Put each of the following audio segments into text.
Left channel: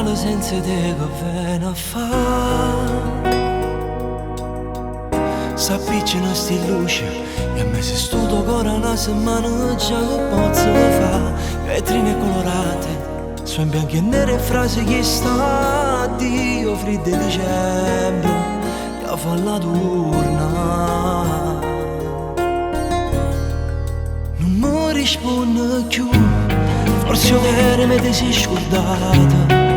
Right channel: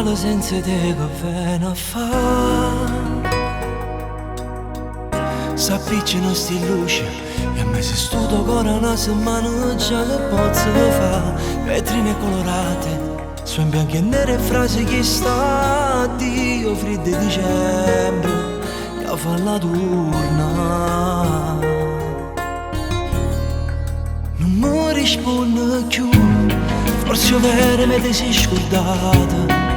Natale senza te che viene a fa. S'appicciano sti luci e a me se sto ancora una settimana già che posso fare. Vetrine colorate su in bianco e nere frasi che sta Dio freddo dicembre e fa la turna. Non mi risponde più, forse vero me ti sei scordata.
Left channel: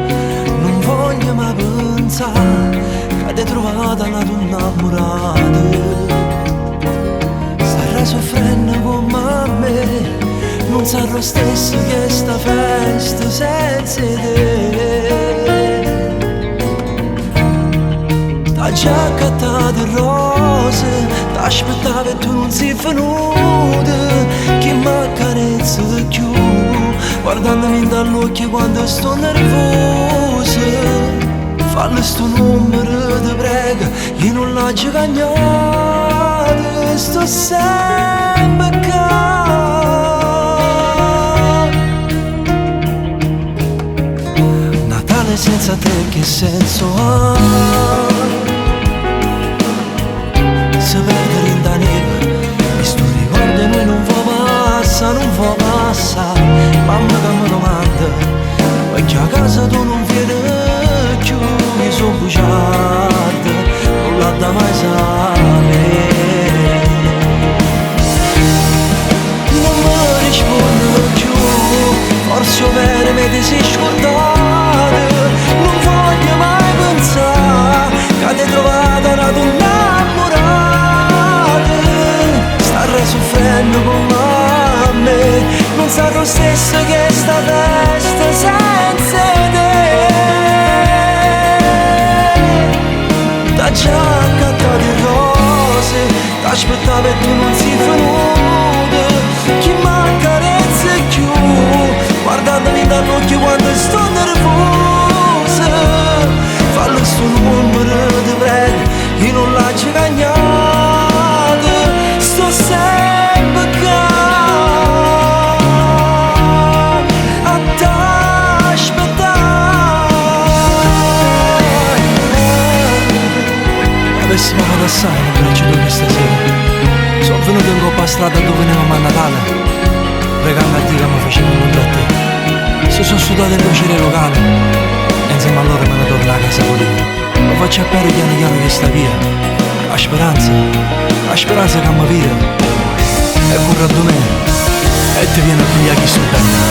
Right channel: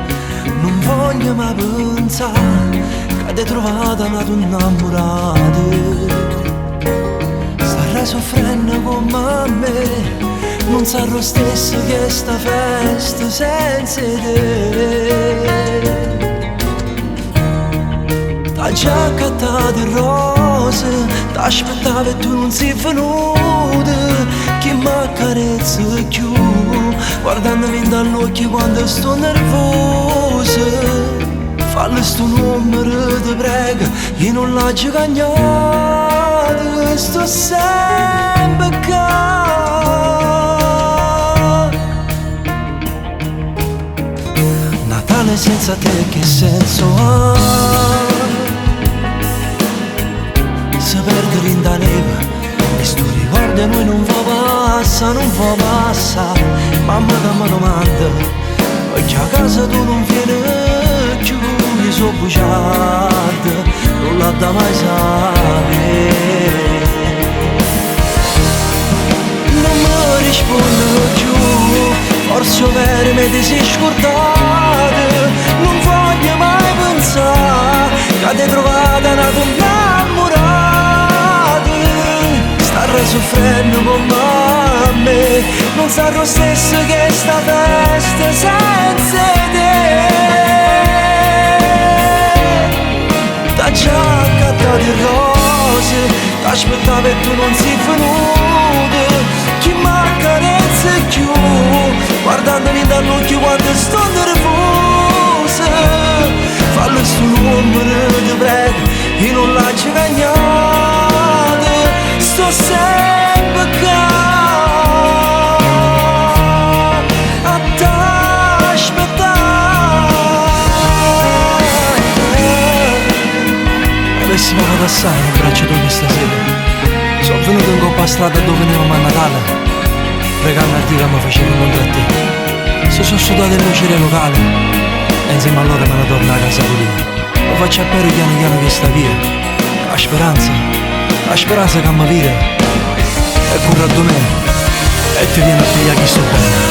Non voglio mai pensare che ti trovata una donna innamorata. Starà soffrendo come me, non sarà lo stesso che sta festa senza te. T'ha già accattato il rose, t'aspettavo e tu non sei venuta. Chi m'accarezza più, guardandomi dall'occhio quando sto nervosa. Fallo sto numero, ti prego, io non l'ho cagnato, sto sempre qua. Natale senza te che senso ha? Se perdere in da neve e sto ricordo noi non va passa. Mamma che mi domanda perché a casa tu non vieni più. Io so bugiardo, non l'ha da mai sapere. Non mi risponde più, forse vero me ti sei scordato. Non voglio mai pensare che ti trovata una donna innamorata. Starei soffrendo come me, non sarà lo stesso che sta festa senza te. T'ha già accattato il rose, t'aspettavo e tu non sei venuta. Chi m'accarezza più, guardandomi dall'occhio quando sto nervosa. Fallo sto numero, ti prego, io non l'ho cagnato, sto sempre qua a t'aspettare. Avessimo fatto assai nel braccio d'oggi stasera. Sono venuto in coppa a strada dove venivamo a Natale, pregando a Dio che mi faceva incontrare a te. Se sono sudate le luci locali e insieme a loro me ne torno a casa con io. Lo faccio a piano piano che sta via. La speranza che mi vira e corre a me e ti viene a pigliare chi sto bene.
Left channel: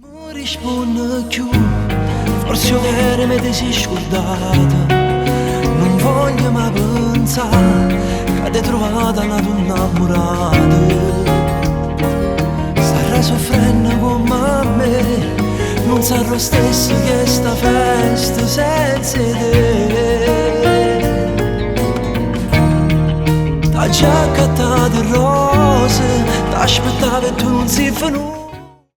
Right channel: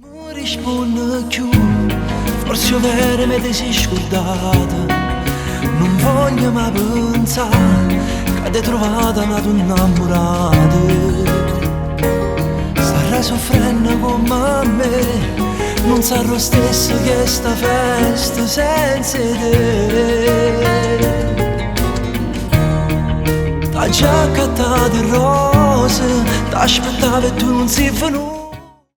Non risponde più, forse vero me ti sei scordata. Non voglio mai pensare che ti trovata una donna innamorata. Starà soffrendo come me, non sarà lo stesso che sta festa senza te. T'ha già accattato il rose, t'aspettavo e tu non sei venuta.